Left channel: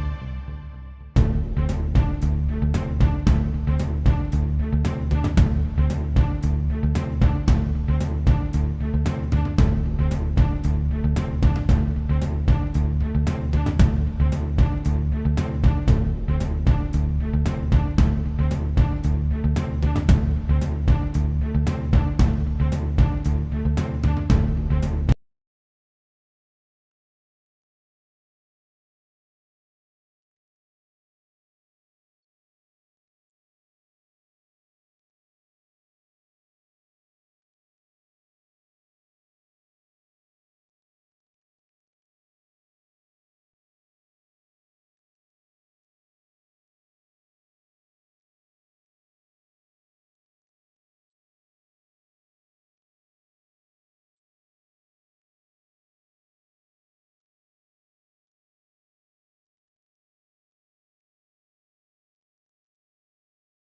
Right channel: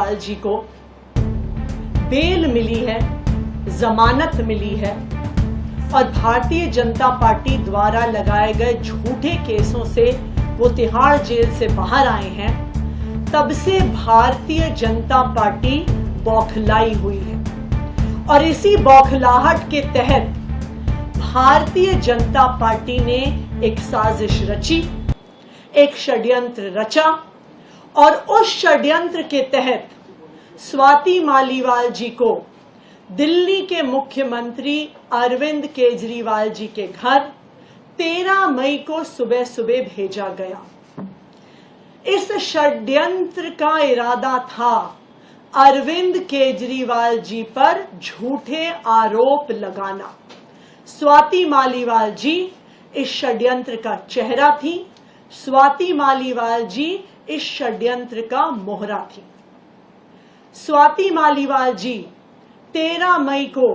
मालीवाल जी को बेल मिली है, जमानत मिली है और भारतीय जनता पार्टी द्वारा लगाए गए झूठे केसों से वो तिहाड़ जेल से बाहर आए हैं, तब से भारतीय जनता पार्टी बौखलाई हुई है। और इसी बौखलाहट के तहत भारतीय जनता पार्टी ने एक साजिश रची, एक षड्यंत्र रचा और उस षड्यंत्र के तहत स्वाति मालीवाल जी को दिल्ली के मुख्यमंत्री अरविंद केजरीवाल जी के घर 13 मई को सुबह सुबह भेजा गया। इस षड्यंत्र का इरादा था अरविंद केजरीवाल जी पर झूठे आरोप लगाना। स्वाति मालीवाल जी इस षड्यंत्र का चेहरा थी, स्वाति मालीवाल जी इस षड्यंत्र का मोहरा थी। स्वाति मालीवाल जी 13 मई को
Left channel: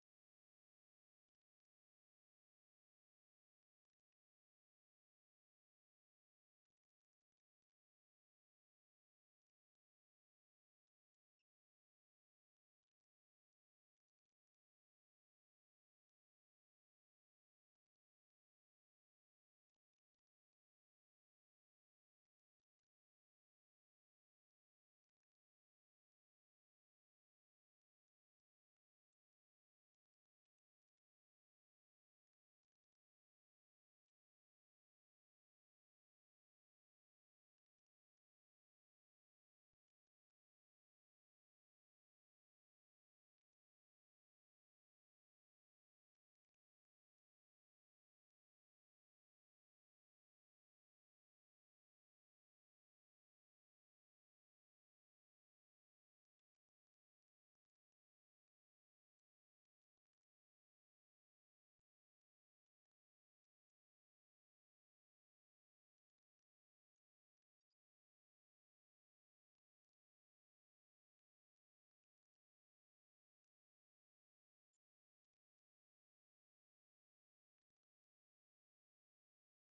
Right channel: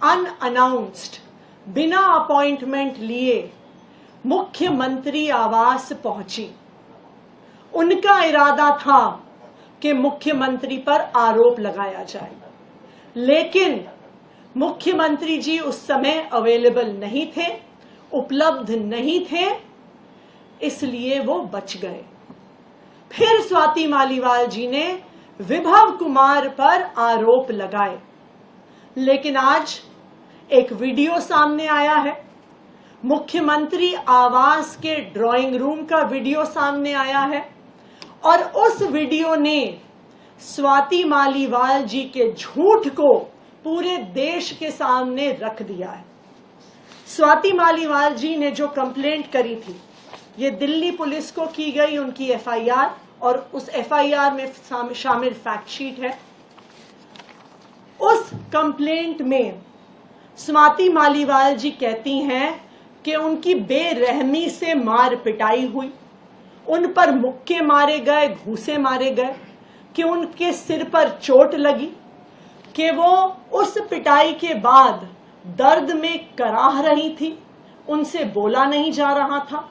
अनअनाउंस्ड, बिना अपॉइंटमेंट लिए मुख्यमंत्री आवास पहुंची। उनका इरादा था कि मुख्यमंत्री पर आरोप लगाया जाए, लेकिन मुख्यमंत्री जी उस समय अवेलेबल नहीं थे, उपलब्ध नहीं थे, इसलिए वो बच गए। फिर स्वाति मालीवाल जी ने विभव कुमार पर आरोप लगाए, लेकिन आज एक वीडियो सामने आया है, मुख्यमंत्री आवास के ड्राइंग रूम का वीडियो सामने आया है और उस वीडियो ने स्वाति मालीवाल जी के झूठ को पूरे देश के सामने रख दिया है। स्वाति मालीवाल जी ने जो कंप्लेंट करी थी, ये दिल्ली पुलिस को की गई उनकी एफआईआर और उस एफआईआर में शामिल फैक्ट शीट है। उस कंप्लेंट में स्वाति मालीवाल जी कहती हैं कि उनकी बेरहमी से मार पिटाई हुई, उन पर मुक्के मारे गए, घूंसे मारे गए, कि उनके सिर पर चोट लगी, कि वो उस पिटाई के बाद दर्द में कराह रही थी, उनसे बोला नहीं जा रहा था।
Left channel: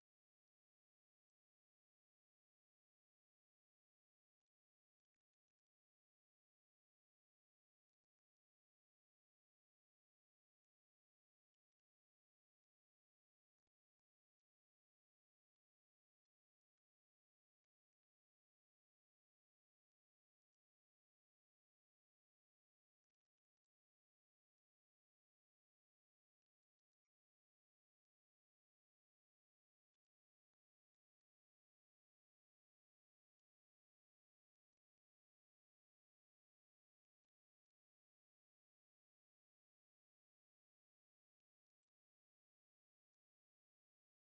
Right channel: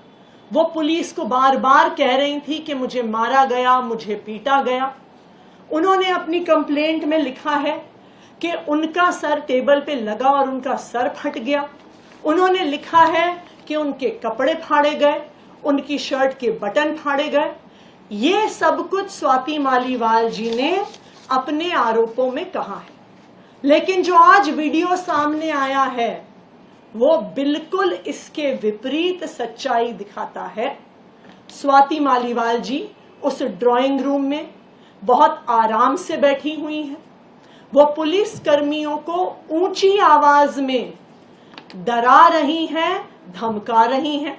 वो पुलिस को बार बार कह रही थी कि मुझे मारा गया, मुझे पीटा गया। उन्होंने अपनी कंप्लेंट में लिखा है कि उनका सर टेबल पे लगा और उनका सर फट गया। उन्होंने लिखा है कि उनके कपड़े फाड़े गए, उनकी शर्ट के बटन फाड़े गए। ये सब कुछ स्वाति मालीवाल जी ने अपने आरोपों में कहा है, लेकिन जो आज वीडियो सामने आया है वो बिल्कुल इसके विपरीत सच्चाई दिखाता है। स्वाति मालीवाल जी उस ड्राइंग रूम में बहुत आराम से बैठी हुई हैं। वो पुलिस कर्मियों को ऊंची आवाज में डरा रही हैं, धमका रही हैं।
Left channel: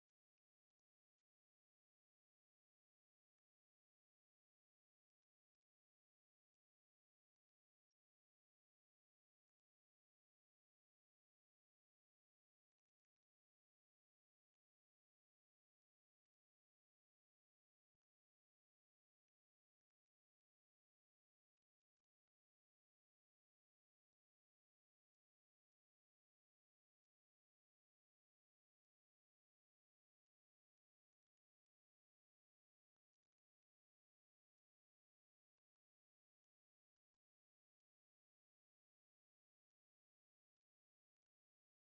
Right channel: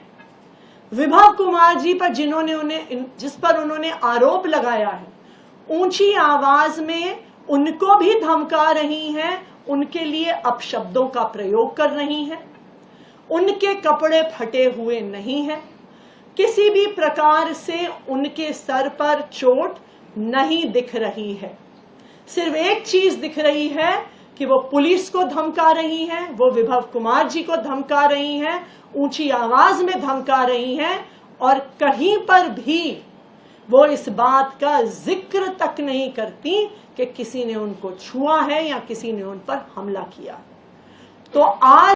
विभव कुमार जी पर जिस पर उन्होंने आरोप लगाया है, ऊंची आवाज में उनको भी धमका रही हैं, उनके लिए अपशब्दों का प्रयोग कर रही हैं। उनके कपड़े फटे हुए नहीं हैं, किसी भी प्रकार से उनके सर पर चोट नहीं दिख रही है। सिर्फ एक चीज दिख रही है कि वो पुलिस को धमका रही हैं, वो विभव कुमार जी को धमका रही हैं, ऊंची आवाज में धमका रही हैं और कहीं पर भी वो इस बात का जिक्र तक नहीं करती कि किसी ने उनको छुआ है या किसी ने उन पर हमला किया। तो आज